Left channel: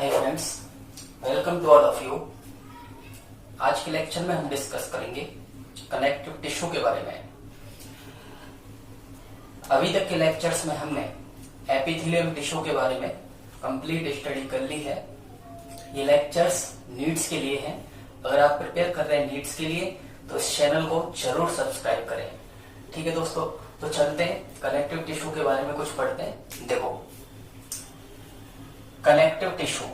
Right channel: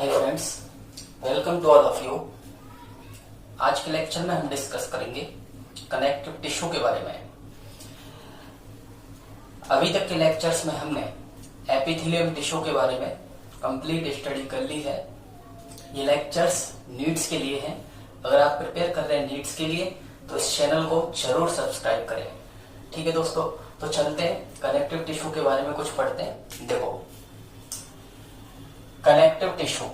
Hi friends, welcome to all of you. आज के lecture में हम डिस्कस करेंगे कनेक्टिव टिश्यू के बारे में। अभी तक के लेक्चर्स में हमने एपिथेलियम टिश्यू के बारे में कंप्लीट स्टडी कर ली है। ये लेक्चर्स नीड्स के लिए हैं। अगर आप प्रिपेयर कर रहे हैं नीड्स के लिए तो इस चैनल को जरूर सब्सक्राइब करें। ठीक है दोस्तों, तो चलते हैं कनेक्टिव टिश्यू के बारे में कुछ पढ़ते हैं। देखो, कनेक्टिव टिश्यू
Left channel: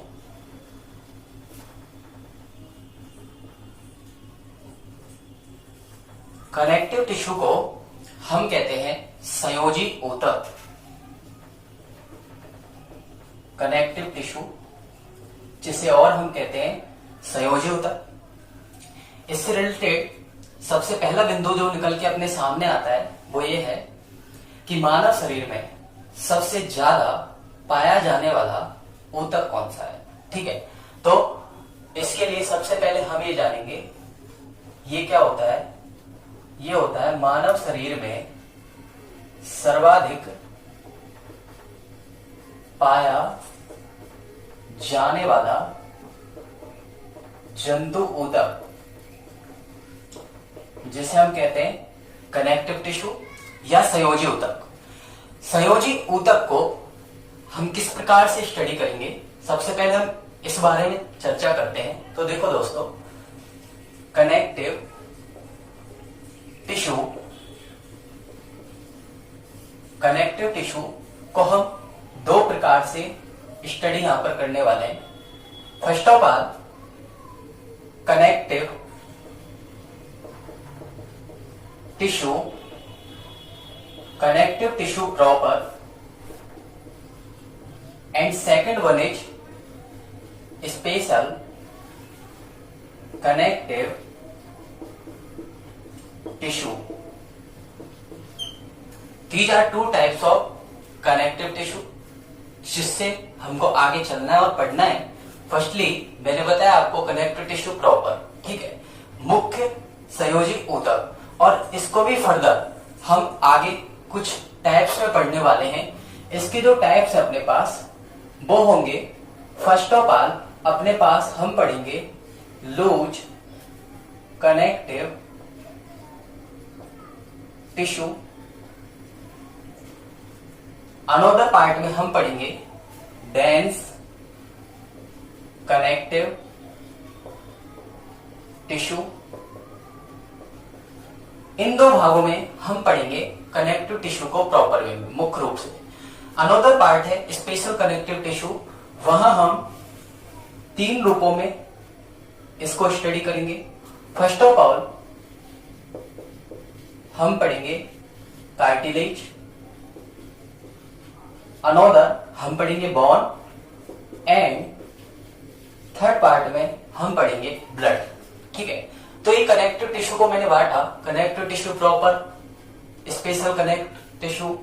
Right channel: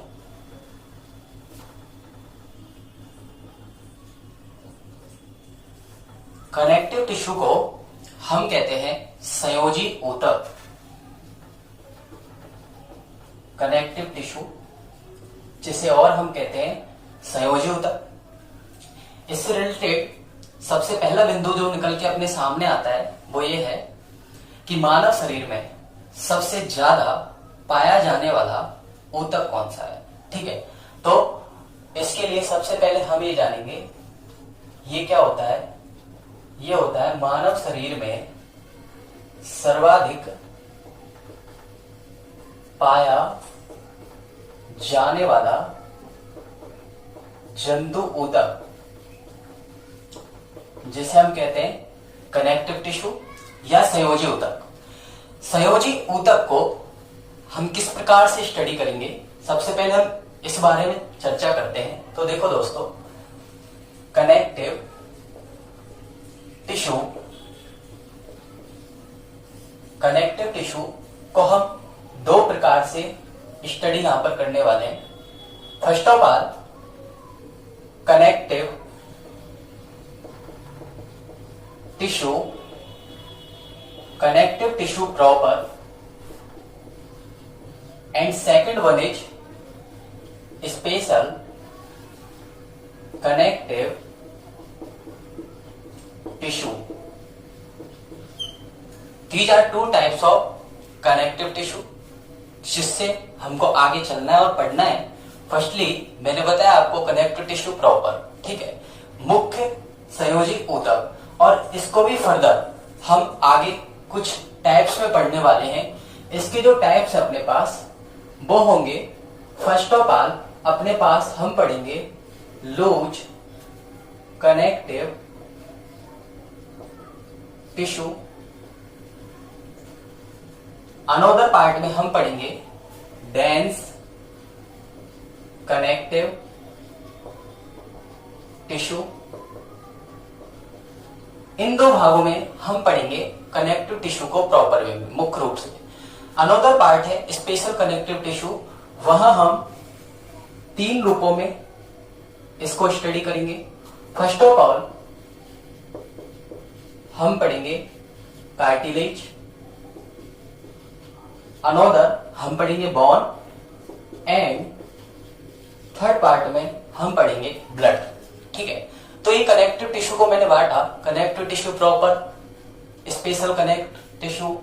कनेक्टिव टिश्यू को हम कहते हैं संयोजी ऊतक। कनेक्टिव टिश्यू जिसे और हम कहते हैं संयोजी ऊतक। इससे रिलेटेड सबसे पहला बिंदु जो निकल के अपने सामने आता है वो ये है कि मानव शरीर में सबसे ज्यादा पाया जाने वाला ऊतक कौन सा है। ठीक है, तो इसके लिए सबसे पहले हम ये जानेंगे ये क्या होता है। ये होता है मानव शरीर में सर्वाधिक पाया जाने वाला जंतु ऊतक, जिसे हम कहते हैं कनेक्टिव टिश्यू या संयोजी ऊतक। संयोजी ऊतक को हम किस प्रकार से स्टडी करेंगे, सबसे पहले हम इस बारे में चर्चा करते हैं। तो देखो दोस्तों, कनेक्टिव टिश्यू को हम दो प्रकार से स्टडी यहां पर करने वाले हैं। First of all, connective tissue proper, and second one is special connective tissue. These are two types of connective tissue जिससे हमको आगे चलना है और पढ़ना है। फर्स्टली मैंने बताया आपको कनेक्टिव टिश्यू प्रॉपर, ठीक है, मुख्य संयोजी ऊतक, और इसको भी फर्दर हम आगे कुछ टाइप्स में पढ़ने वाले हैं। इसके जो टाइप्स है अपने पास वो होंगे, फर्स्ट ऑफ ऑल अपने पास हम पढ़ेंगे loose connective tissue. Another part में हम पढ़ेंगे डेंस कनेक्टिव टिश्यू। इन दो भागों में हम पढ़ेंगे कनेक्टिव टिश्यू को प्रॉपर वे में, मुख्य रूप से। अनदर पार्ट है स्पेशल कनेक्टिव टिश्यू, वहां हम तीन रूपों में इसको स्टडी करेंगे। फर्स्ट ऑफ ऑल हम पढ़ेंगे कार्टिलेज, अनदर हम पढ़ेंगे बोन, एंड थर्ड पार्ट में हम पढ़ेंगे ब्लड। ठीक है, तो ये कनेक्टिव टिश्यू को मैंने बांटा, connective tissue proper, special connective tissue.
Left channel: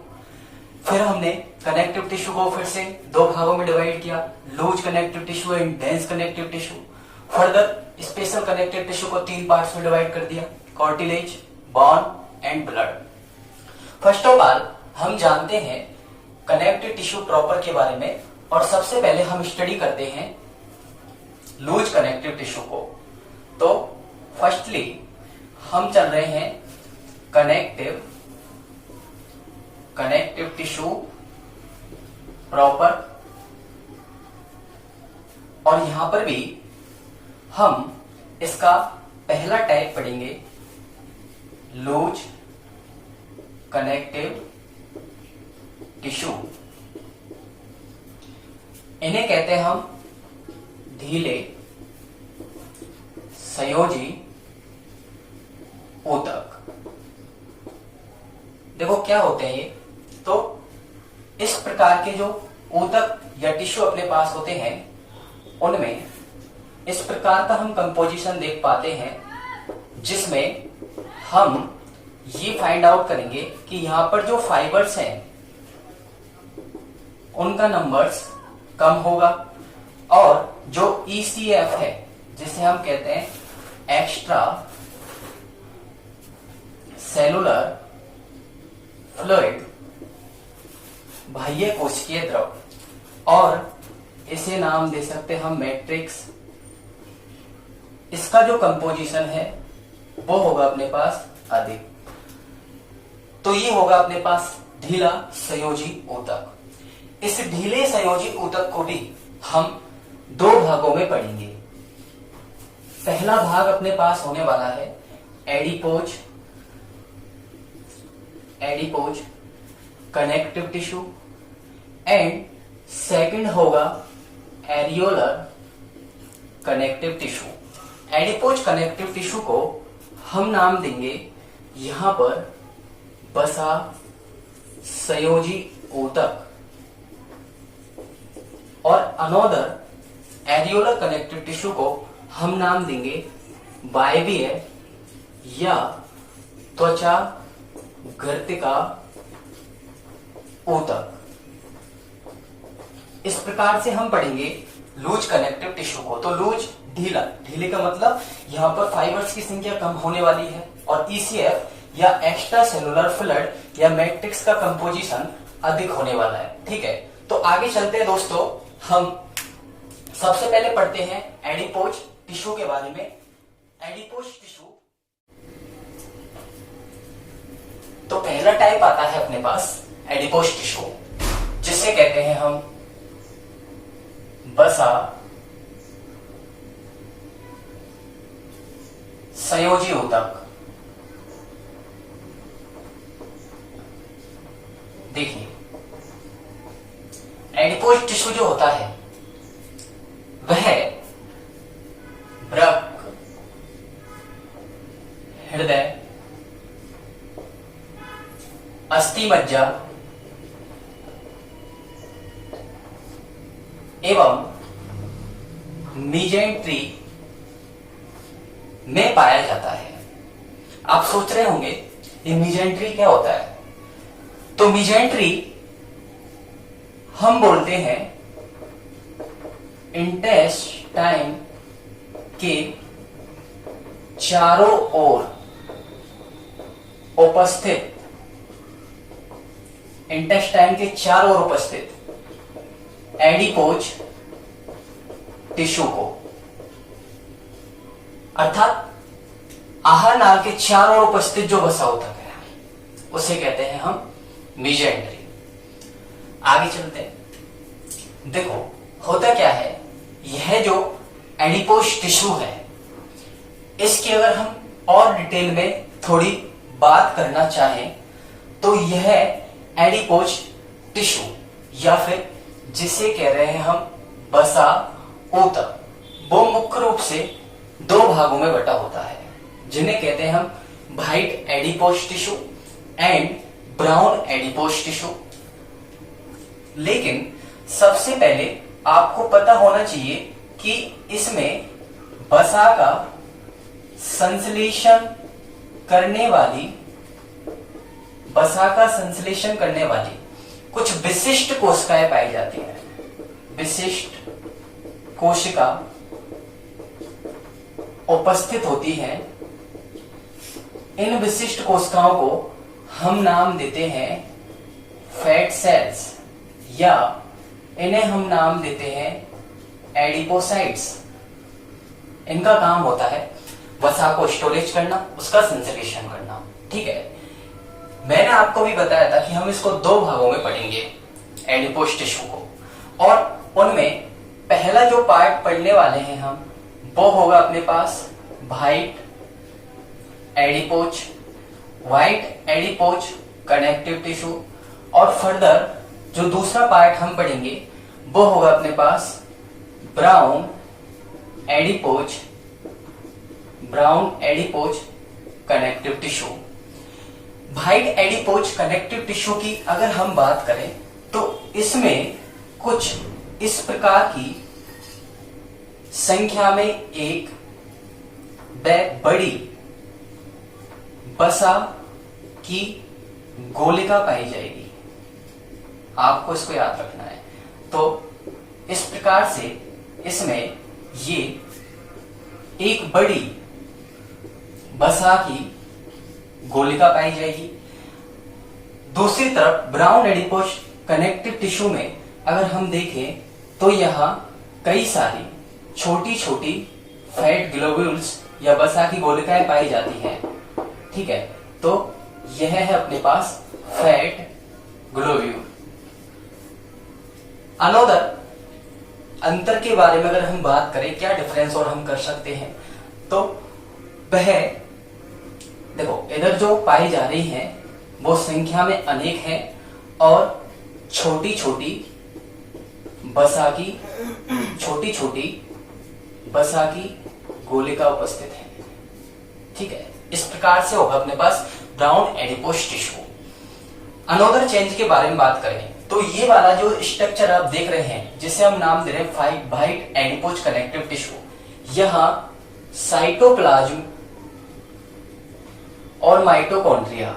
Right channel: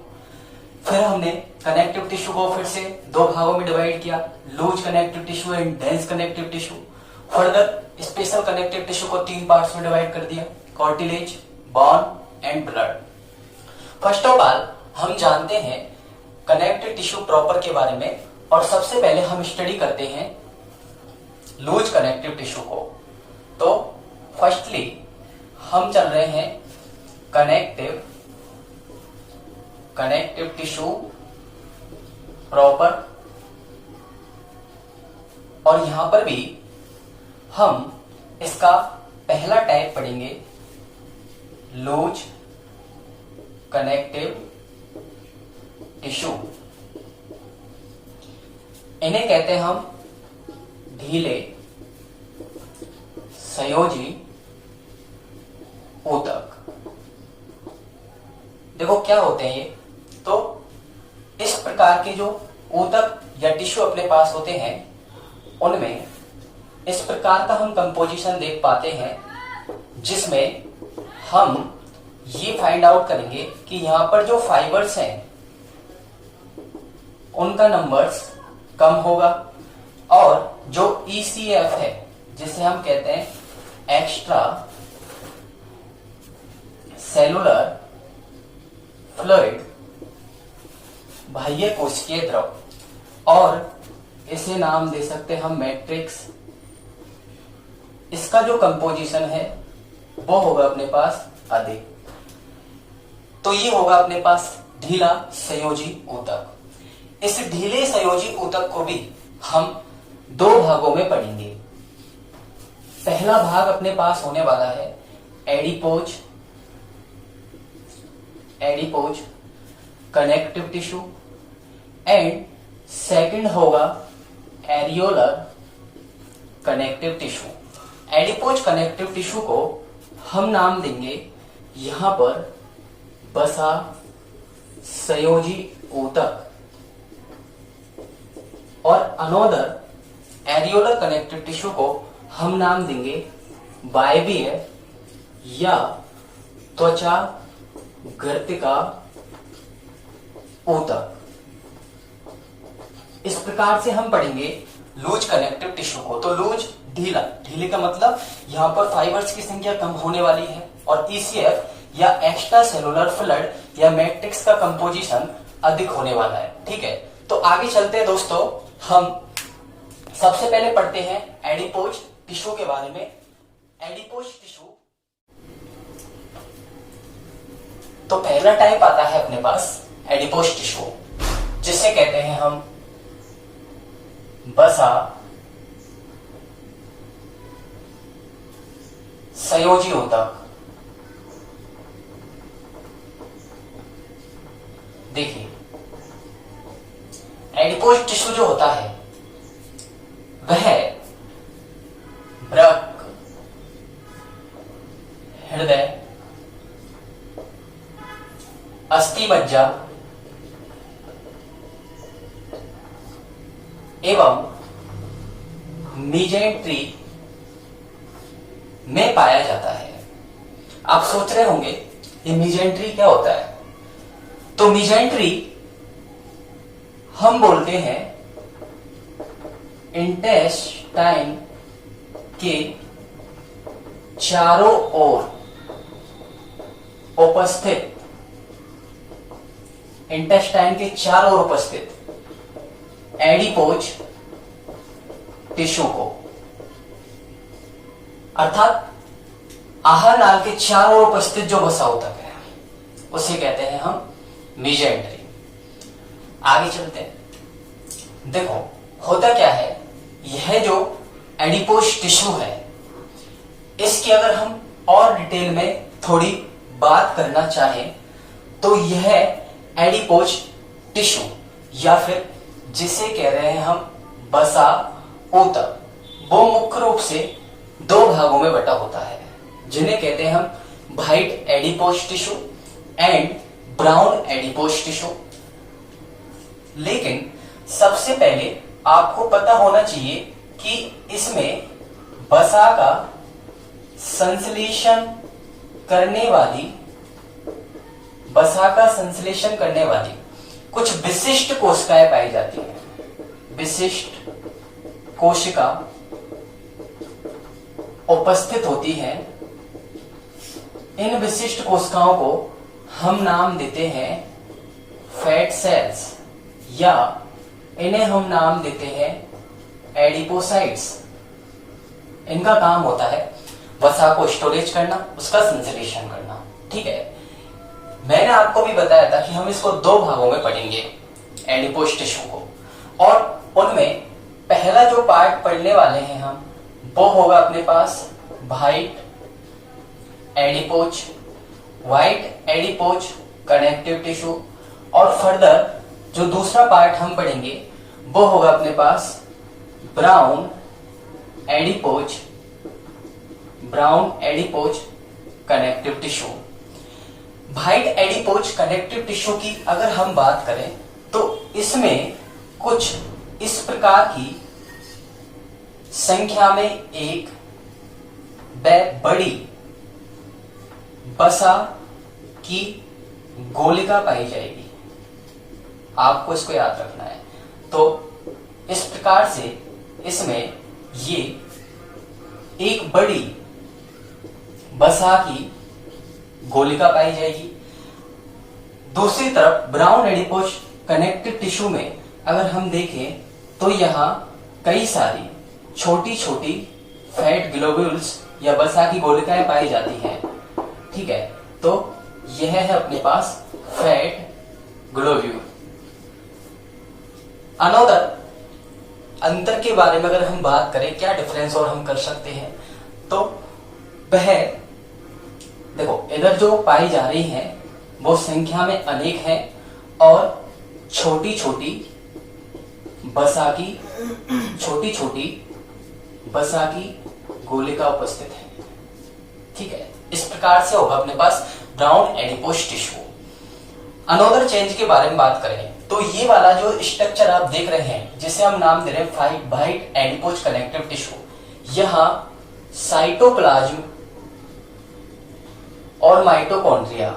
फिर हमने कनेक्टिव टिश्यू को फिर से दो भागों में डिवाइड किया, loose connective tissue and dense connective tissue. Further special connective tissue को तीन पार्ट्स में डिवाइड कर दिया, cartilage, bone and blood. First of all हम जानते हैं कनेक्टिव टिश्यू प्रॉपर के बारे में, और सबसे पहले हम स्टडी करते हैं लूज कनेक्टिव टिश्यू को। तो फर्स्टली हम चल रहे हैं कनेक्टिव टिश्यू प्रॉपर, और यहां पर भी हम इसका पहला टाइप पढ़ेंगे लूज कनेक्टिव टिश्यू। इन्हें कहते हैं हम ढीले संयोजी ऊतक। देखो क्या होते हैं ये, तो इस प्रकार के जो ऊतक या टिश्यू अपने पास होते हैं उनमें इस प्रकार का हम कंपोजिशन देख पाते हैं, जिसमें हम ये फाइंड आउट करेंगे कि यहां पर जो फाइबर्स हैं उनका नंबर्स कम होगा, और जो ECF है जिसे हम कहते हैं एक्स्ट्रा सेलुलर फ्लूइड, बाह्य कोशिकीय द्रव, और इसे नाम दे सकते हम मैट्रिक्स। इसका जो कंपोजिशन है वो होगा अपने पास अधिक। तो ये होगा अपने पास ढीला संयोजी ऊतक। इस ढीले संयोजी ऊतक को भी हम दो भागों में पढ़ेंगे। पहला भाग अपने पास होने वाला है adipose connective tissue and second होगा areolar connective tissue. Adipose connective tissue को हम नाम देंगे यहां पर बसा संयोजी ऊतक और अनोदर एरियोलर कनेक्टिव टिश्यू को हम नाम देंगे वायवीय या त्वचा गर्तिका ऊतक। इस प्रकार से हम पढ़ेंगे लूज कनेक्टिव टिश्यू को। तो लूज ढीला, ढीले का मतलब यहां पर फाइबर्स की संख्या कम होने वाली है और ईसीएफ या एक्स्ट्रा सेलुलर फ्लड या मैट्रिक्स का कंपोजिशन अधिक होने वाला है। ठीक है, तो आगे चलते हैं दोस्तों। हम सबसे पहले पढ़ते हैं एडिपोज टिश्यू के बारे में। एडिपोज टिश्यू, तो पहला टाइप आता है अपने पास एडिपोज टिश्यू, जिसे कहते हैं हम बसा संयोजी ऊतक। देखिए, एडिपोज टिश्यू जो होता है वह वृक्क, हृदय, अस्थि मज्जा एवं मीजेंट्री में पाया जाता है। आप सोच रहे होंगे ये मीजेंट्री क्या होता है? तो मीजेंट्री हम बोलते हैं इंटेस्टाइन के चारों ओर उपस्थित, इंटेस्टाइन के चारों ओर उपस्थित एडिपोज टिश्यू को, अर्थात आहार नाल के चारों ओर उपस्थित जो वसा ऊतक है उसे कहते हैं हम मीजेंट्री। आगे चलते हैं। देखो होता क्या है, यह जो एडिपोज टिश्यू है इसकी अगर हम और डिटेल में थोड़ी बात करना चाहें तो यह एडिपोज टिश्यू या फिर जिसे कह रहे हैं हम बसा ऊतक, वो मुख्य रूप से दो भागों में बटा होता है, जिन्हें कहते हैं हम white adipose tissue and brown adipose tissue. लेकिन सबसे पहले आपको पता होना चाहिए कि इसमें वसा का संश्लेषण करने वाली कुछ विशिष्ट कोशिकाएं पाई जाती हैं। विशिष्ट कोशिका उपस्थित होती हैं। इन विशिष्ट कोशिकाओं को हम नाम देते हैं फैट सेल्स या इन्हें हम नाम देते हैं एडिपोसाइट्स। इनका काम होता है वसा को स्टोरेज करना, उसका संश्लेषण करना। ठीक है, मैंने आपको भी बताया था कि हम इसको दो भागों में पढ़ेंगे एडिपोज टिश्यू को, और उनमें पहला जो पार्ट पढ़ने वाले हैं हम वो होगा अपने पास व्हाइट एडिपोज कनेक्टिव टिश्यू, और फर्दर जो दूसरा पार्ट हम पढ़ेंगे वो होगा अपने पास brown adipose connective tissue. White adipose connective tissue की अगर हम बात करें तो इसमें कुछ इस प्रकार की संख्या में एक बड़ी वसा की गोलिका पाई जाएगी। आपको इसको याद रखना है। तो इस प्रकार से इसमें ये एक बड़ी वसा की गोलिका पाई जाएगी। दूसरी तरफ ब्राउन एडिपोज कनेक्टिव टिश्यू में अगर हम देखें तो यहाँ कई सारी छोटी छोटी फैट ग्लोब्यूल्स या वसा की गोलिकाएं पाई जाती हैं। ठीक है, तो यह है अपने पास फैट ग्लोब्यूल। अनोदर अंतर के बारे में अगर हम बात करें, क्या डिफरेंस और हम कर सकते हैं, तो वह देखो इधर जो पाई जा रही हैं वो संख्या में अनेक हैं और छोटी छोटी वसा की गोलिका उपस्थित है। ठीक है, इस प्रकार से होगा अपने पास brown adipose tissue. Another change के बारे में बात करें तो ये वाला जो स्ट्रक्चर आप देख रहे हैं जिसे हम नाम दे रहे हैं वाइट एडिपोज कनेक्टिव टिश्यू, यहां साइटोप्लाज्म और माइटोकॉन्ड्रिया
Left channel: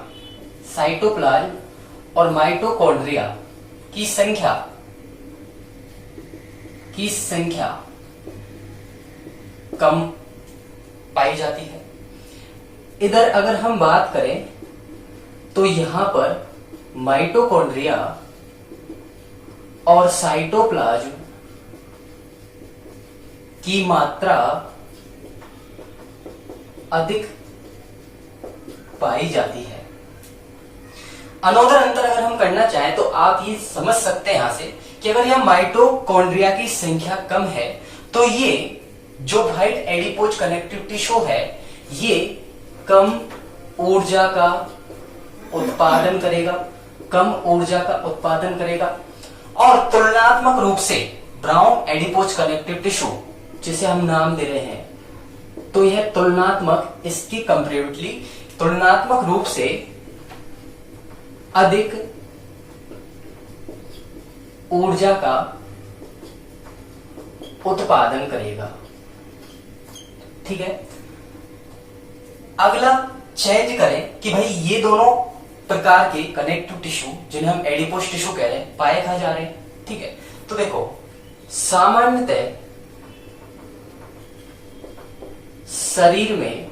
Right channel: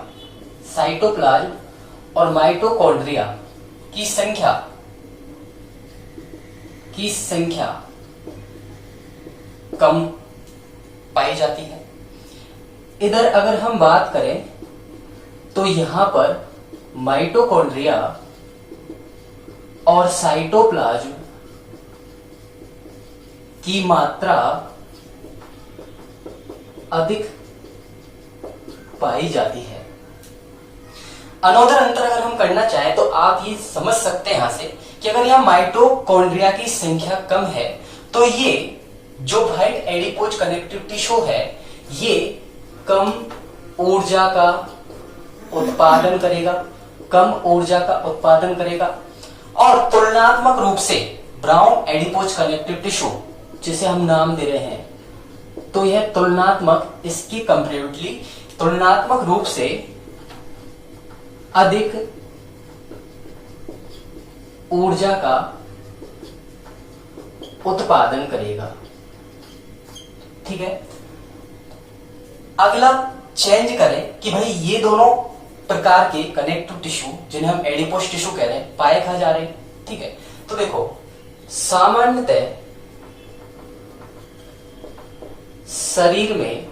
की संख्या कम पाई जाती है। इधर अगर हम बात करें तो यहां पर माइटोकॉन्ड्रिया और साइटोप्लाज्म की मात्रा अधिक पाई जाती है। अनोदर अंतर अगर हम करना चाहें तो आप ये समझ सकते हैं यहां से कि अगर यहां माइटोकॉन्ड्रिया की संख्या कम है तो ये जो वाइट एडिपोज कनेक्टिव टिश्यू है ये कम ऊर्जा का उत्पादन करेगा और तुलनात्मक रूप से ब्राउन एडिपोज कनेक्टिव टिश्यू जिसे हम नाम दे रहे हैं, तो यह तुलनात्मक रूप से अधिक ऊर्जा का उत्पादन करेगा। ठीक है, अगला चेंज करें कि भाई ये दोनों प्रकार के कनेक्टिव टिश्यू जिन्हें हम एडिपोज टिश्यू कह रहे हैं पाए कहां जा रहे हैं। ठीक है, तो देखो सामान्यतः शरीर में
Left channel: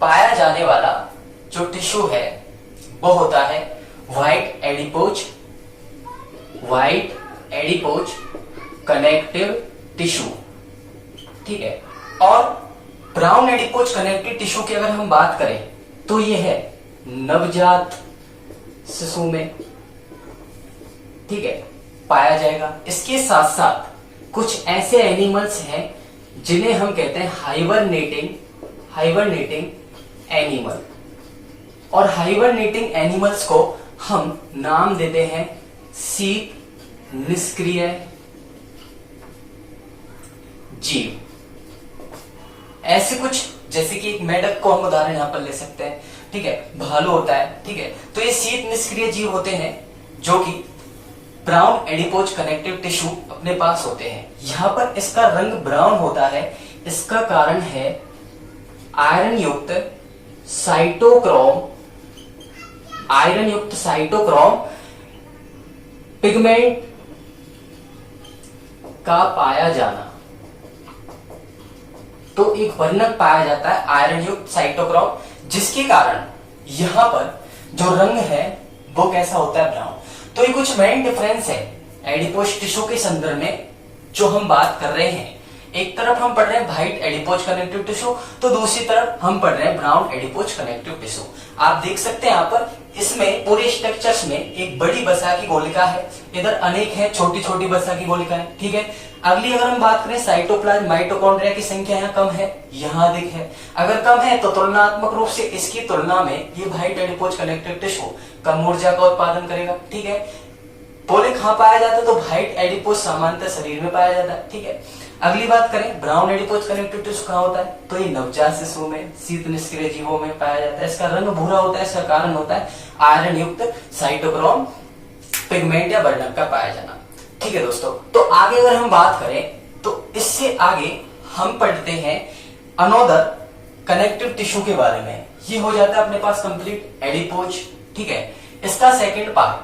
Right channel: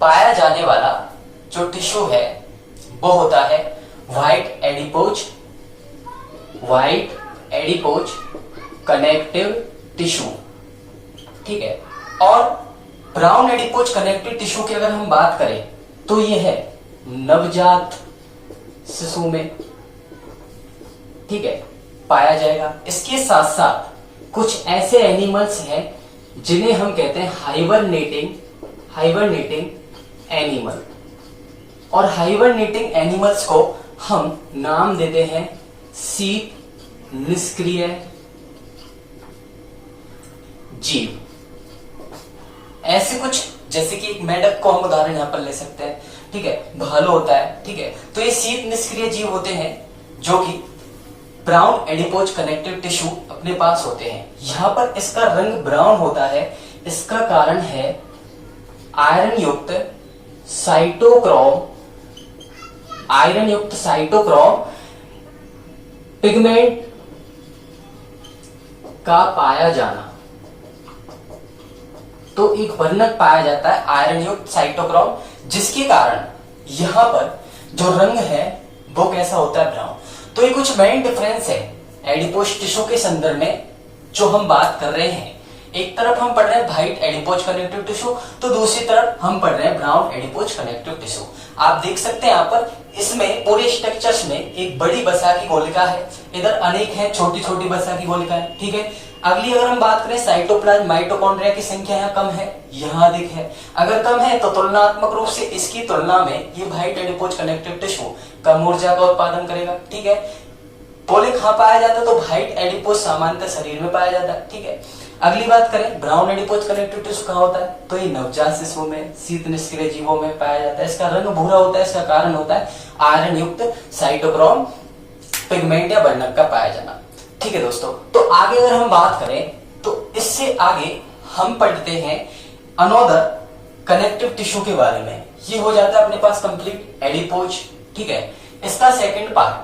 पाया जाने वाला जो टिश्यू है वो होता है वाइट एडिपोज कनेक्टिव टिश्यू। ठीक है, और ब्राउन एडिपोज कनेक्टिव टिश्यू की अगर हम बात करें तो यह है नवजात शिशु में, ठीक है, पाया जाएगा। इसके साथ साथ कुछ ऐसे एनिमल्स हैं जिन्हें हम कहते हैं हाइबरनेटिंग एनिमल, और हाइबरनेटिंग एनिमल्स को हम नाम देते हैं शीत निष्क्रिय जीव। ऐसे कुछ जैसे कि एक मेढक को हम उदाहरण यहां पर ले सकते हैं। ठीक है, भालू होता है। ठीक है, तो ये शीत निष्क्रिय जीव होते हैं जो कि ब्राउन एडिपोज कनेक्टिव टिश्यू अपने पास होते हैं। यहां पर इसका रंग ब्राउन होता है, इसका कारण है आयरन युक्त साइटोक्रोम पिगमेंट का पाया जाना। तो एक वर्णक पाया जाता है आयरन युक्त साइटोक्रोम, जिसके कारण यहां पर जो रंग है वो कैसा होता है, ब्राउन। तो ये कुछ मेन डिफरेंस है एडिपोज टिश्यू के संदर्भ में जो हम बात कर रहे हैं। एक तरफ हम पढ़ रहे हैं वाइट एडिपोज कनेक्टिव टिश्यू, तो दूसरी तरफ हम पढ़ रहे हैं ब्राउन एडिपोज कनेक्टिव टिश्यू। आप देख सकते हैं यहाँ पर इसमें पूरे स्ट्रक्चर्स में एक बड़ी वसा की गोलिका है, इधर अनेक है छोटी छोटी वसा की गोलिकाएं। ठीक है, अगली अगर हम बात करें साइटोप्लाज्म माइटोकॉन्ड्रिया की संख्या यहाँ कम है, यहाँ अधिक है। अगर कम है तो तुलनात्मक रूप से इसकी तुलना में ये वाइट एडिपोज कनेक्टिव टिश्यू कम ऊर्जा का उत्पादन करेगा। ठीक है, पोले कहां पाया जाता है, तो वाइट एडिपोज सामान्यतः शरीर में पाया जाता है। ठीक है, अगली बात करें ब्राउन एडिपोज कनेक्टिव टिश्यू कहां होता है, तो ये नवजात शिशु में शीत निष्क्रिय जीवों में पाया जाता है। इसका रंग भूरा होता है, इसका कारण होता है आयरन युक्त साइटोक्रोम पिगमेंट या वर्णक का पाया जाना। ठीक है दोस्तों, तो आगे अगर हम बात करें तो इससे आगे हम पढ़ते हैं अनोदर कनेक्टिव टिश्यू के बारे में। ये हो जाता है अपने पास कंप्लीट एडिपोज। ठीक है, इसका सेकंड पार्ट,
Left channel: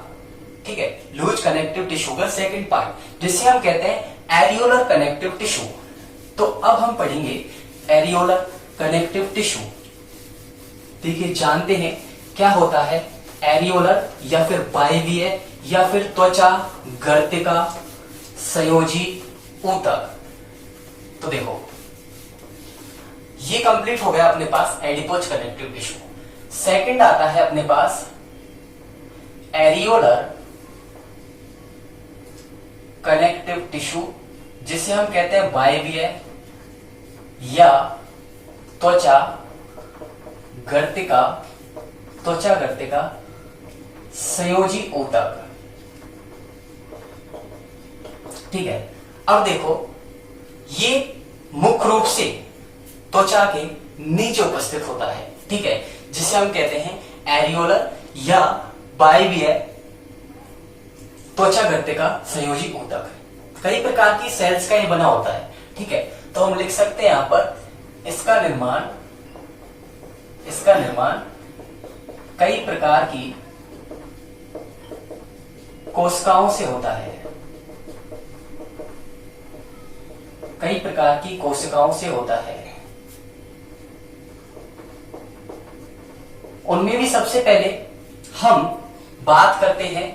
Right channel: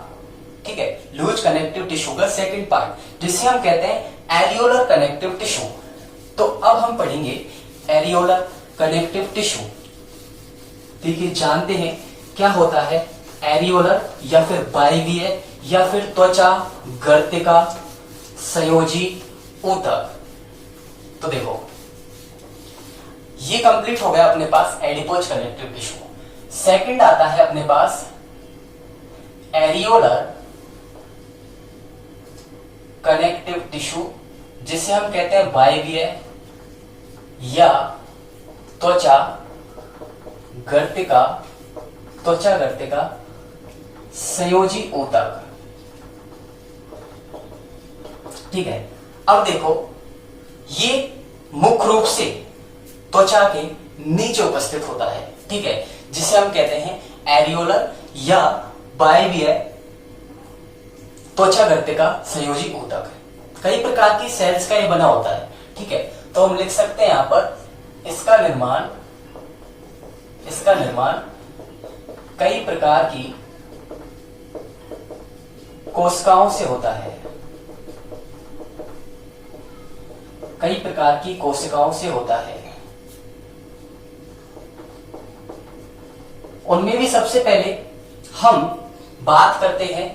ठीक है, लूज कनेक्टिव टिश्यू का सेकंड पार्ट जिसे हम कहते हैं एरियोलर कनेक्टिव टिश्यू। तो अब हम पढ़ेंगे एरियोलर कनेक्टिव टिश्यू। देखिए जानते हैं क्या होता है एरियोलर या फिर बाइवियर या फिर त्वचा, गर्तिका, संयोजी ऊतक। तो देखो ये कंप्लीट हो गया अपने पास एडिपोज कनेक्टिव टिश्यू। सेकंड आता है अपने पास एरियोलर कनेक्टिव टिश्यू, जिसे हम कहते हैं वायवीय या त्वचा गर्तिका, त्वचा गर्तिका संयोजी ऊतक। ठीक है, अब देखो ये मुख्य रूप से त्वचा के नीचे उपस्थित होता है। ठीक है, जिसे हम कहते हैं एरियोलर या वायवीय त्वचा गर्तिका संयोजी ऊतक। कई प्रकार की सेल्स का ये बना होता है। ठीक है, तो हम लिख सकते हैं यहां पर इसका निर्माण कई प्रकार की कोशिकाओं से होता है। कई प्रकार की कोशिकाओं से होता है। उनमें भी सबसे पहले हम बात करते हैं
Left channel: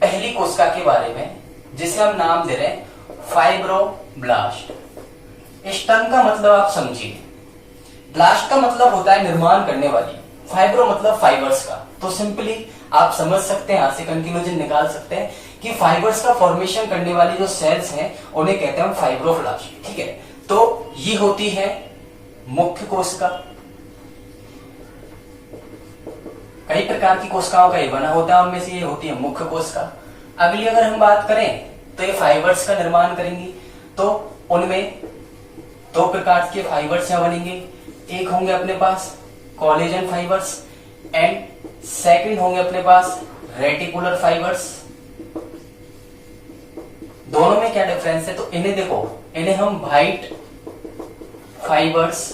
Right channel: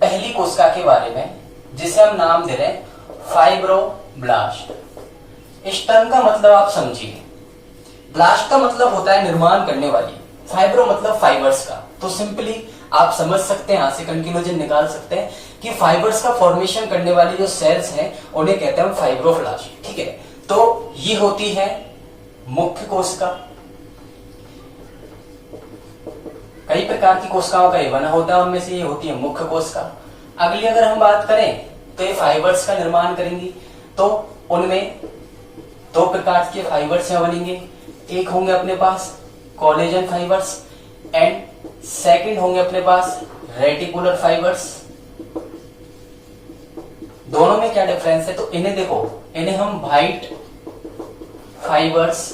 पहली कोशिका के बारे में, जिसे हम नाम दे रहे हैं फाइब्रोब्लास्ट। इस टर्म का मतलब आप समझिए। ब्लास्ट का मतलब होता है निर्माण करने वाली, फाइब्रो मतलब फाइबर्स का। तो सिंपली आप समझ सकते हैं, यहां से कंक्लूजन निकाल सकते हैं कि फाइबर्स का फॉर्मेशन करने वाली जो सेल्स हैं उन्हें कहते हैं फाइब्रोब्लास्ट। ठीक है, तो ये होती है मुख्य कोशिका। कई प्रकार की कोशिकाओं का ये बना होता है, उनमें से ये होती है मुख्य कोशिका। अगली अगर हम बात करें तो ये फाइबर्स का निर्माण करेंगी। तो उनमें दो प्रकार के फाइबर्स यहां बनेंगे। एक होंगे अपने पास कोलेजन फाइबर्स एंड सेकंड होंगे अपने पास रेटिकुलर फाइबर्स। दोनों में क्या डिफरेंस है? तो इन्हें देखो, इन्हें हम व्हाइट फाइबर्स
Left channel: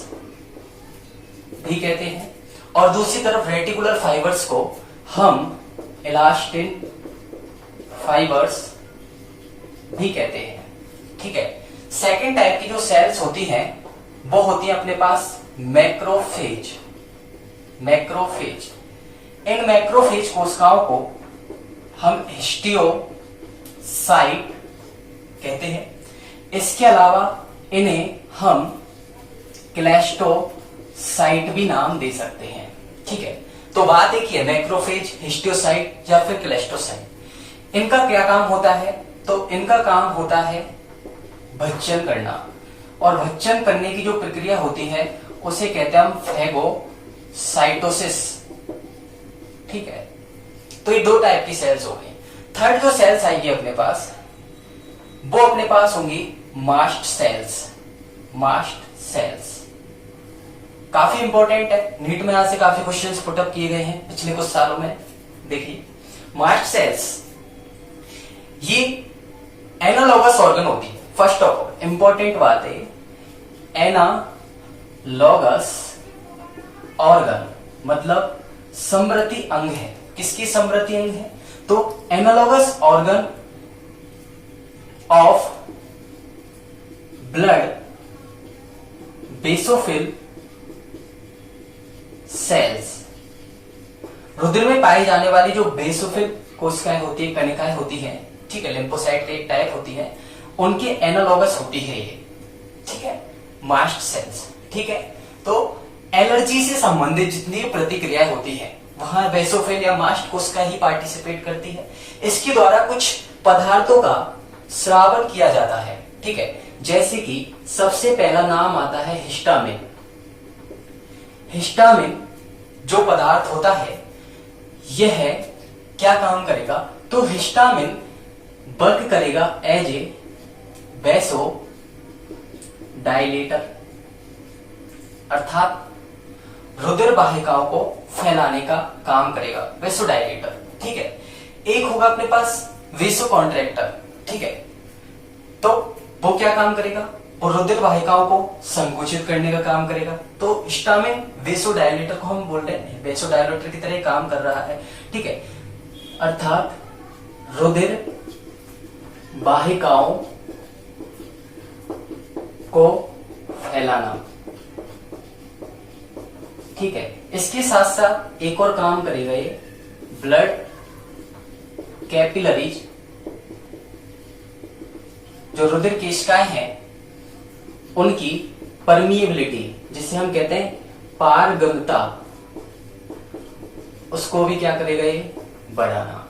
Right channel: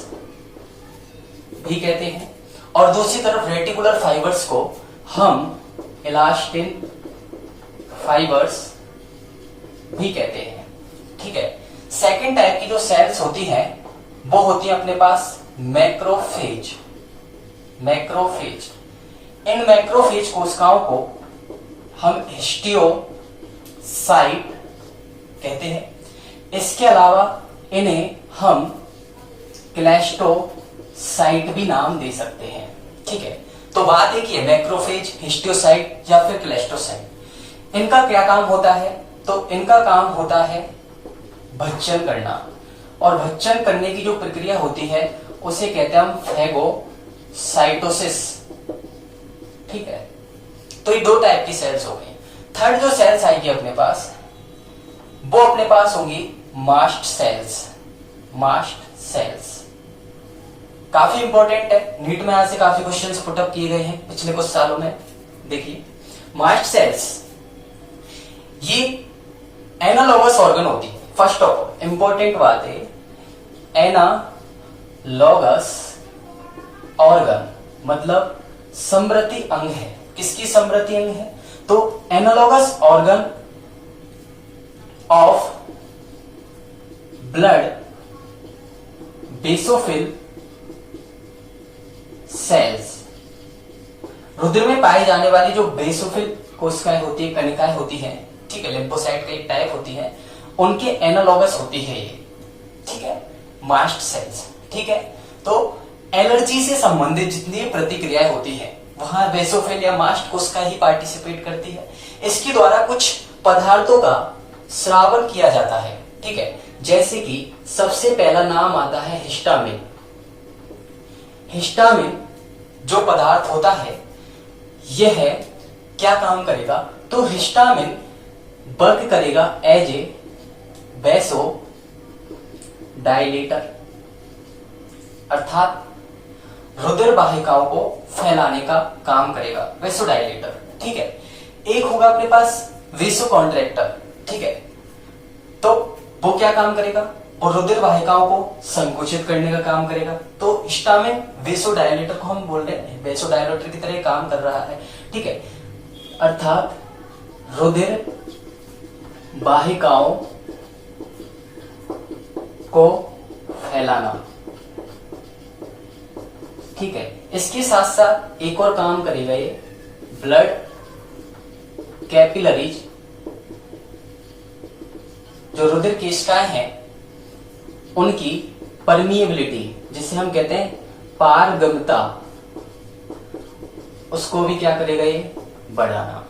भी कहते हैं और दूसरी तरफ रेटिकुलर फाइबर्स को हम इलास्टिन फाइबर्स भी कहते हैं। ठीक है, सेकेंड टाइप की जो सेल्स होती हैं वो होती है अपने पास मैक्रोफेज। इन मैक्रोफेज कोशिकाओं को हम हिस्टियोसाइट कहते हैं। इसके अलावा इन्हें हम क्लैस्टोसाइट भी नाम दे सकते हैं। ठीक है, तो बात एक ही है, मैक्रोफेज, हिस्टियोसाइट या फिर क्लैस्टोसाइट। इनका क्या काम होता है? तो इनका काम होता है भक्षण करना, और भक्षण करने की जो प्रक्रिया होती है उसे कहते हैं हम फैगोसाइटोसिस। ठीक है, तो ये दो टाइप की सेल्स हो गई। थर्ड जो सेल्स आएगी अपने पास वो अपने पास होंगी मास्ट सेल्स। काफी इंपॉर्टेंट है, नीट में यहां से काफी क्वेश्चंस पुटअप किए गए हैं पिछले कुछ सालों में। देखिए मास्ट सेल्स ये एनालॉगस ऑर्गन होती है। फर्स्ट ऑफ ऑल इंपॉर्टेंट बात है, एनालॉगस ऑर्गन मतलब समवर्ती अंग है। किसकी समवर्ती अंग है? तो analogous organ of blood basophil cells. रुधिर में पाई जाने वाली जो बेसोफिल कोशिकाएं होती है, कणिकाएं होती हैं, ठीक है, लिम्फोसाइट की एक टाइप होती है, उनके एनालॉगस होती है ये। ठीक है, मास्ट सेल्स। ठीक है, तो एलर्जी से संबंधित जितनी प्रतिक्रियाएं होती है वहां बेसोफिल या मास्ट कोशिका ही पार्टिसिपेट करती है। इसके द्वारा कुछ पदार्थों का स्रावन किया जाता है। ठीक है, जैसे कि सबसे पहला नाम आता है हिस्टामिन। हिस्टामिन जो पदार्थ होता है यह क्या काम करेगा? तो हिस्टामिन वर्क करेगा एज ए वैसो डायलेटर, अर्थात रुधिर वाहिकाओं को फैलाने का काम करेगा, वैसो डायलेटर। ठीक है, एक होगा अपने पास वेसो कॉन्ट्रैक्टर। ठीक है, तो वो क्या काम करेगा? वो रुधिर वाहिकाओं को संकुचित करने का काम करेगा। तो हिस्टामिन वेसो डायलेटर को हम बोल रहे हैं, वेसो डायलेटर की तरह काम कर रहा है। ठीक है, अर्थात रुधिर वाहिकाओं को फैलाना। ठीक है, इसके साथ साथ एक और काम करेगा ये, ब्लड कैपिलरीज, जो रुधिर केशिकाएं हैं उनकी परमिएबिलिटी, जिसे हम कहते हैं पारगम्यता, उसको भी क्या करेगा ये, बढ़ाना।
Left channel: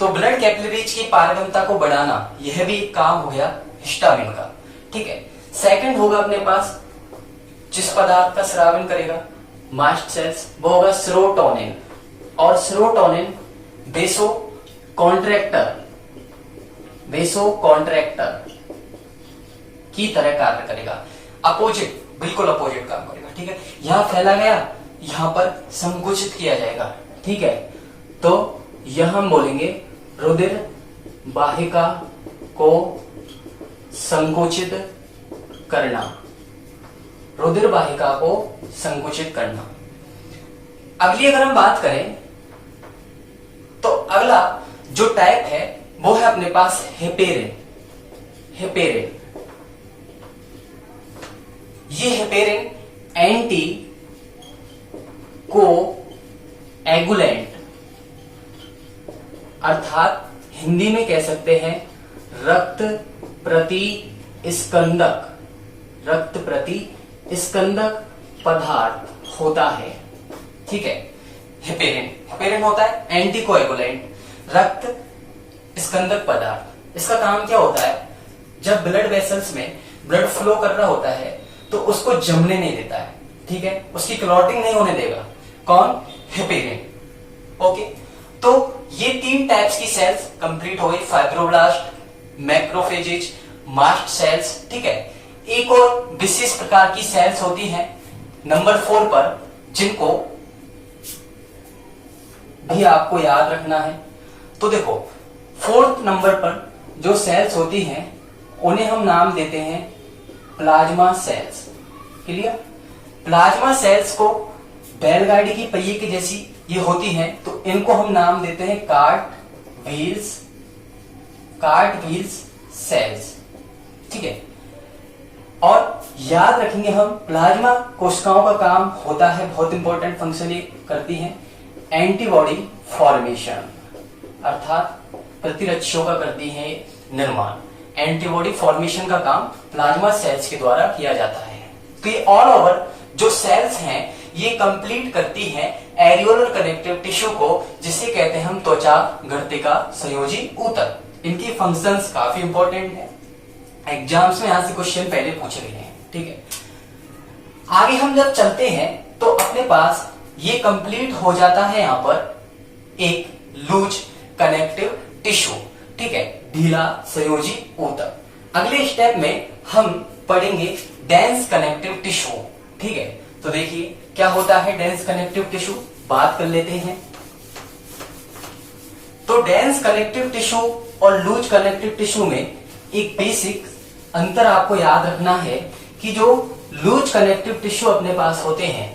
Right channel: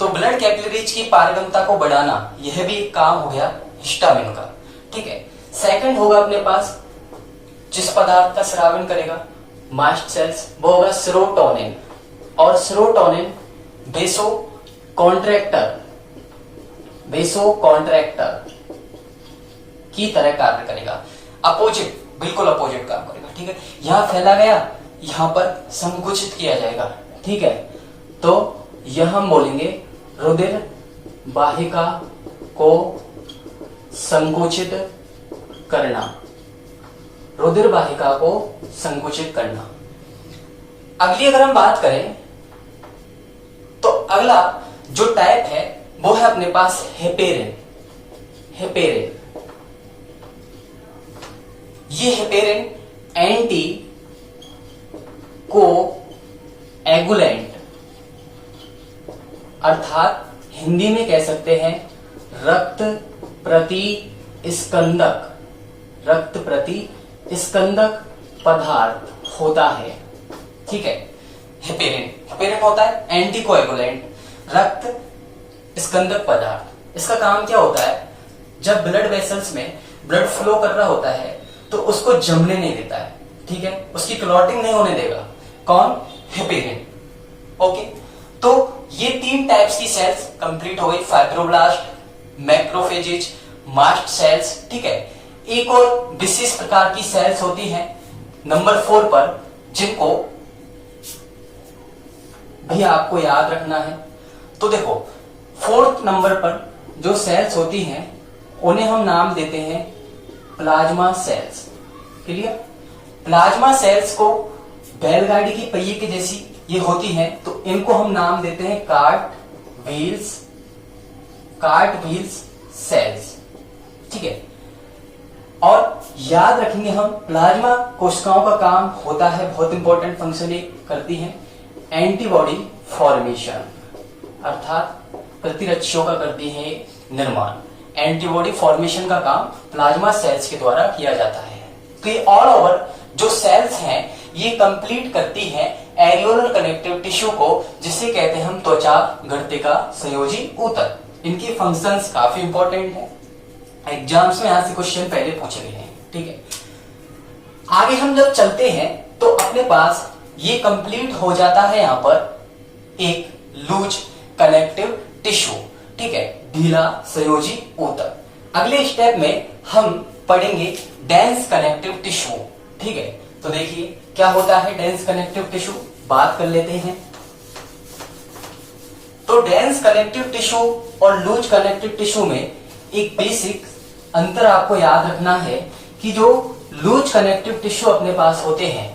तो ब्लड कैपिलरीज की पारगम्यता को बढ़ाना, यह भी एक काम हो गया हिस्टामिन का। ठीक है, सेकंड होगा अपने पास जिस पदार्थ का स्रावन करेगा मास्ट सेल्स, वो होगा सेरोटोनिन। और सेरोटोनिन बेसो कॉन्ट्रैक्टर की तरह कार्य करेगा, अपोजिट, बिल्कुल अपोजिट काम करेगा। ठीक है, यहां फैला गया, यहां पर संकुचित किया जाएगा। ठीक है, तो यह हम बोलेंगे रुधिर वाहिका को संकुचित करना, रुधिर वाहिका को संकुचित करना। अगली अगर हम बात करें तो अगला जो टाइप है वो है अपने पास हेपेरिन। ये हेपेरिन एंटी को एगुलेंट, अर्थात हिंदी में कह सकते हैं रक्त प्रतिस्कंदक पदार्थ होता है। ठीक है, हेपेरिन होता है एंटीकोएगुलेंट, रक्त स्कंदक पदार्थ। इसका काम क्या होता है, जब ब्लड वेसल्स में ब्लड फ्लो कर रहा होता है तो उसको जमने नहीं देता है। ठीक है, उसकी क्लॉटिंग नहीं होने देगा। कौन, हेपेरिन। ओके, तो ये 3 टाइप्स की सेल्स कंप्लीट हो गई, फाइब्रोब्लास्ट, मैक्रोफेजेज, मास्ट सेल्स। ठीक है, एक और विशेष प्रकार की सेल्स होती हैं नंबर 4 पर, जिनको भी आपको याद रखना है। तो देखो 4th नंबर पर जो सेल्स होती हैं उन्हें हम नाम देते हैं plasma cells. Clear, plasma cells को बैलगाड़ी की पहिए की जैसी ये होती हैं, तो इनको हम नाम देते हैं कार्ट व्हील्स सेल्स। ठीक है, और याद रखेंगे हम प्लाज्मा कोशिकाओं का काम होता है, बहुत इंपॉर्टेंट फंक्शन ये करती हैं, एंटीबॉडी फॉर्मेशन, अर्थात प्रतिरक्षों का करती है निर्माण। एंटीबॉडी फॉर्मेशन का काम प्लाज्मा सेल्स के द्वारा किया जाता है। तो ये ऑल ओवर जो सेल्स हैं ये कंप्लीट करती हैं एरियोलर कनेक्टिव टिश्यू को, जिसे कहते हैं हम त्वचा गर्तिका संयोजी ऊतक। इनके फंक्शंस काफी इंपॉर्टेंट है, एग्जाम्स में यहां से क्वेश्चन पहले पूछे गए हैं। ठीक है, आगे हम जब चलते हैं तो अपने पास ये कंप्लीट हो जाता है यहां पर एक लूज कनेक्टिव टिश्यू। ठीक है, ढीला संयोजी ऊतक। अगले स्टेप में हम पढ़ेंगे डेंस कनेक्टिव टिश्यू। ठीक है, तो देखिए क्या होता है डेंस कनेक्टिव टिश्यू, बात कर लेते हैं। तो डेंस कनेक्टिव टिश्यू और लूज कनेक्टिव टिश्यू में एक बेसिक अंतर आपको याद रखना है कि जो लूज कनेक्टिव टिश्यू अपने पास होते हैं,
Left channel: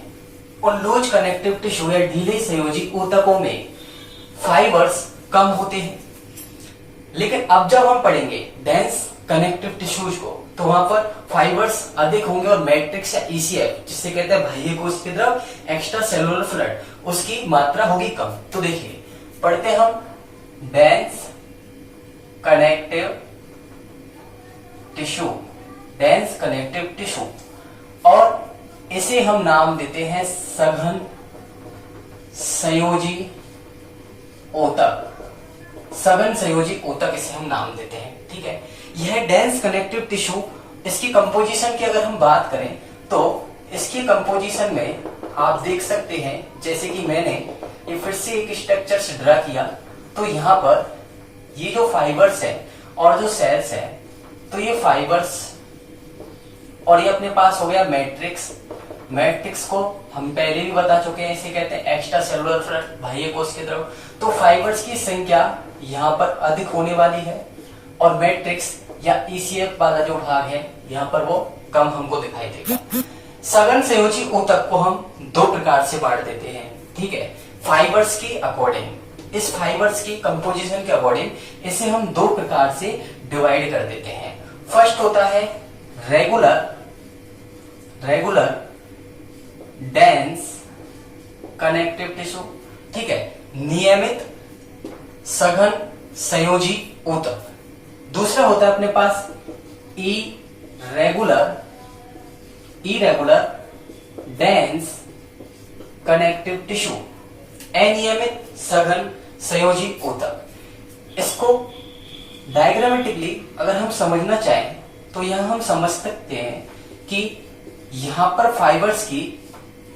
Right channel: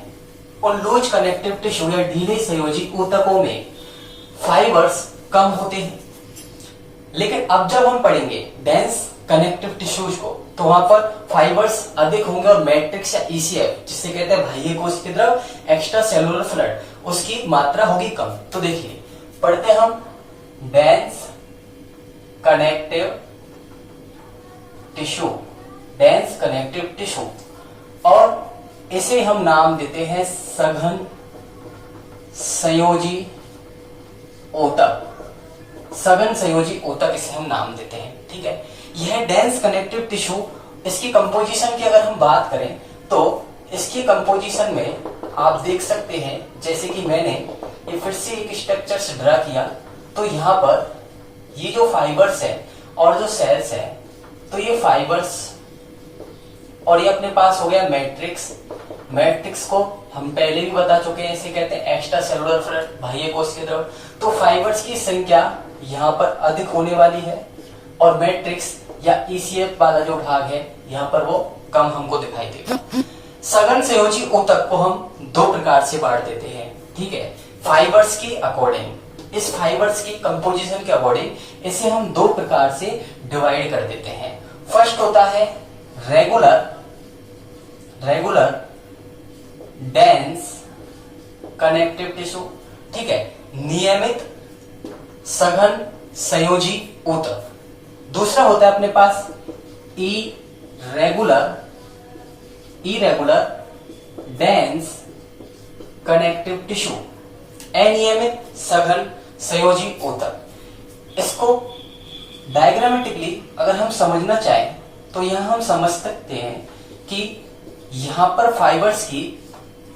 उन लूज कनेक्टिव टिश्यू या ढीले संयोजी ऊतकों में फाइबर्स कम होते हैं। लेकिन अब जब हम पढ़ेंगे डेंस कनेक्टिव टिश्यूज को तो वहां पर फाइबर्स अधिक होंगे और मैट्रिक्स या ईसीएफ, जिसे कहते हैं बाह्य कोशिकीय द्रव, एक्स्ट्रा सेलुलर फ्लड, उसकी मात्रा होगी कम। तो देखिए पढ़ते हम dense connective tissue, dense connective tissue, और इसे हम नाम देते हैं सघन संयोजी ऊतक। सघन संयोजी ऊतक इसे हम नाम देते हैं। ठीक है, यह डेंस कनेक्टिव टिश्यू, इसकी कंपोजिशन की अगर हम बात करें तो इसकी कंपोजिशन में आप देख सकते हैं, जैसे कि मैंने ये फिर से एक स्ट्रक्चर ड्रा किया, तो यहां पर ये जो फाइबर्स है और जो सेल्स है, तो ये फाइबर्स और ये अपने पास हो गया मैट्रिक्स। मैट्रिक्स को हम पहले भी बता चुके हैं, इसे कहते हैं एक्स्ट्रा सेलुलर फ्लड, बाह्य कोशिकीय द्रव। तो फाइबर्स की संख्या यहाँ पर अधिक होने वाली है और मैट्रिक्स या ईसीएफ वाला जो भाग है यहाँ पर वो कम हमको दिखाई देगा। सघन संयोजी ऊतक को हम 2 प्रकार से बांट देते हैं। ठीक है, फाइबर्स के अकॉर्डिंग, इस फाइबर्स की कंपोजिशन के अकॉर्डिंग इसे हम 2 प्रकार से डिवाइड कर देते हैं। फर्स्ट होता है रेगुलर डेंस कनेक्टिव टिश्यू। ठीक है, नियमित सघन संयोजी ऊतक। दूसरा होता है अपने पास इरेगुलर डेंस कनेक्टिव टिश्यू, अनियमित सघन संयोजी ऊतक। इसको डायग्रामेटिकली अगर हम समझना चाहें तो यहां हम समझ सकते हैं कि यहां पर फाइबर्स की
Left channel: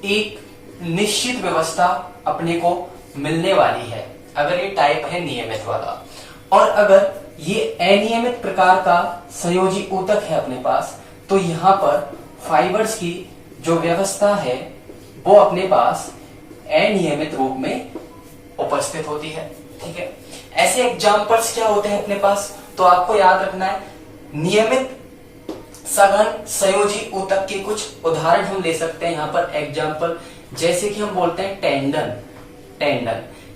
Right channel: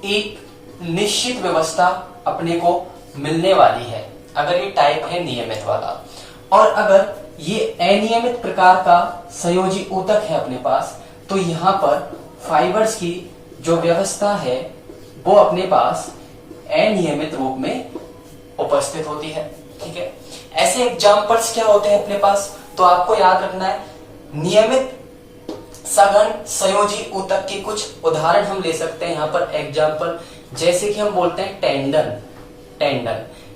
एक निश्चित व्यवस्था अपने को मिलने वाली है अगर ये टाइप है नियमित वाला, और अगर ये अनियमित प्रकार का संयोजी ऊतक है अपने पास तो यहां पर फाइबर्स की जो व्यवस्था है वो अपने पास अनियमित रूप में उपस्थित होती है। ठीक है, ऐसे एग्जाम्पल्स क्या होते हैं अपने पास, तो आपको याद रखना है नियमित सघन संयोजी ऊतक के कुछ उदाहरण हम ले सकते हैं यहां पर एग्जाम्पल, जैसे कि हम बोलते हैं टेंडन,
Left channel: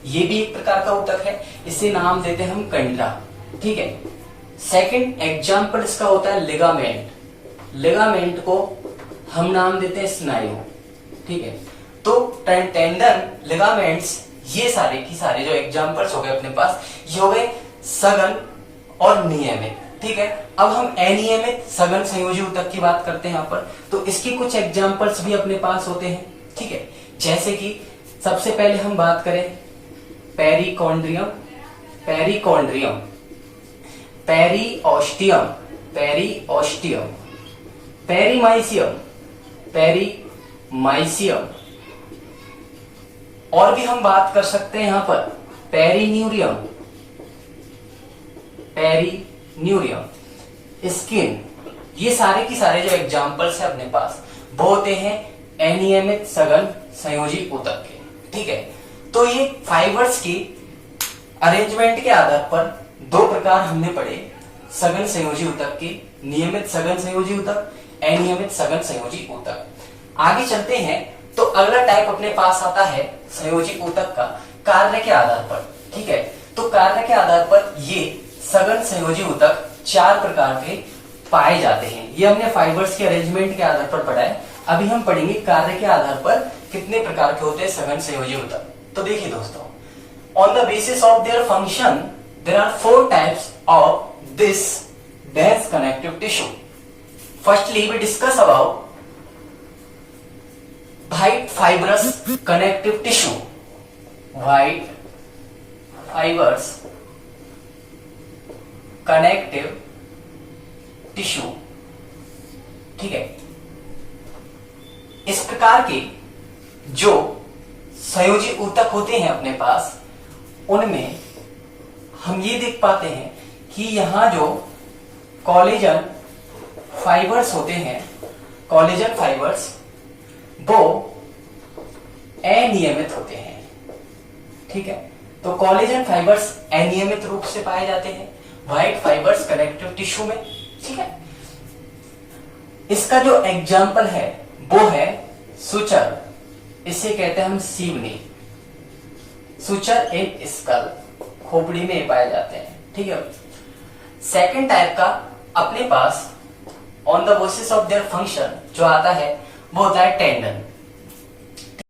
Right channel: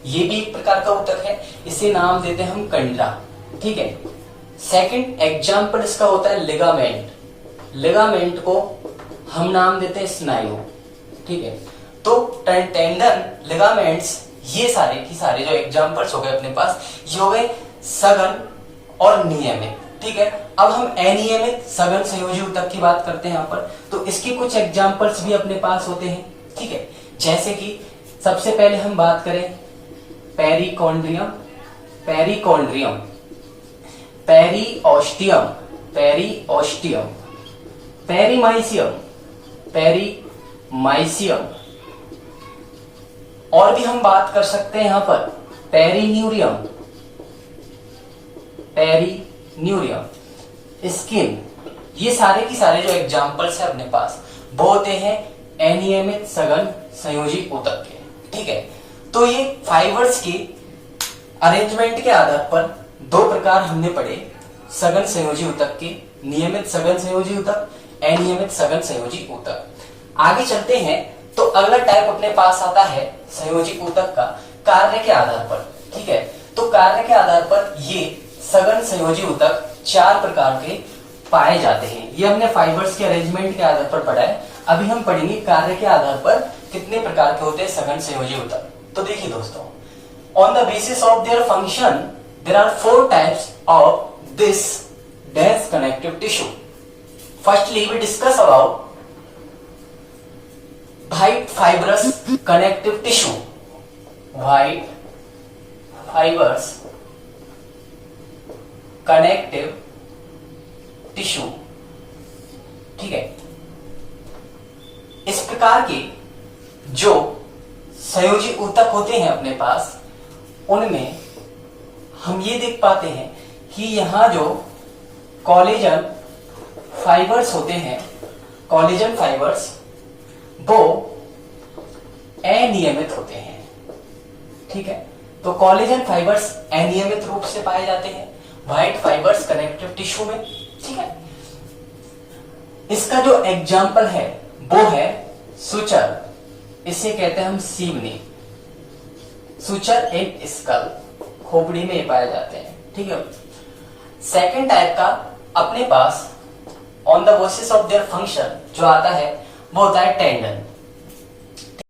ये भी एक प्रकार का ऊतक है, इसे नाम देते हैं हम कंडरा। ठीक है, सेकंड एग्जाम्पल इसका होता है लिगामेंट को हम नाम देते हैं स्नायु। ठीक है, तो टेंडन, लिगामेंट्स, ये सारे की सारे जो एग्जाम्पल्स हो गए अपने पास, ये हो गए सघन और नियमित। ठीक है, अब हम अनियमित सघन संयोजी ऊतक की बात करते हैं यहाँ पर, तो इसके कुछ एग्जाम्पल्स भी अपने पास होते हैं। ठीक है, जैसे कि सबसे पहले हम बात करें पेरिकॉन्ड्रियम, पेरीओस्टियम, पेरीमाइसियम, और भी हम बात कर सकते हैं यहां पर पेरीन्यूरियम, स्किन। ये सारे की सारे जो एग्जाम्पल्स है अपने पास वो होते हैं अनियमित सघन संयोजी ऊतक के। ठीक है, तो ये फाइबर्स की अरेंजमेंट के आधार पर दो प्रकार हमने पढ़े, सघन संयोजी ऊतक के, नियमित सघन संयोजी ऊतक, अनियमित सघन संयोजी ऊतक। आगे चलते हैं तो अगला टाइप अपने पास आता है संयोजी ऊतक का कार्य के आधार पर। ठीक है, तो कार्य के आधार पर ये सघन संयोजी ऊतक चार प्रकार के पाए जाते हैं। ये हमने फाइबर्स के अरेंजमेंट के आधार पर पढ़ा है, अभी हम पढ़ेंगे कार्य के आधार पर कितने प्रकार के होते हैं सघन संयोजी ऊतक। तो देखिए दोस्तों, on the basis of their function there are 4 types of this dense connective tissue. Firstly, we discuss about white fibrous connective tissue. White fibers connective tissue. ठीक है, इस प्रकार के जो संयोजी ऊतक होते हैं अपने पास, उनमें हम ये देख पाते हैं कि यहां जो कोलेजन फाइबर्स होते हैं, कोलेजन फाइबर्स वो अनियमित होते हैं। ठीक है, तो कोलेजन फाइबर्स अनियमित रूप से पाए जाते हैं व्हाइट फाइबर्स कनेक्टिव टिश्यू में। ठीक है, इसका जो एग्जाम्पल है वो है सुचर, इसे कहते हैं हम सीवनी, सुचर इन स्कल, खोपड़ी में पाए जाते हैं। ठीक है, सेकेंड टाइप का अपने pass on the basis of their function जो आता है वो होता है टेंडन।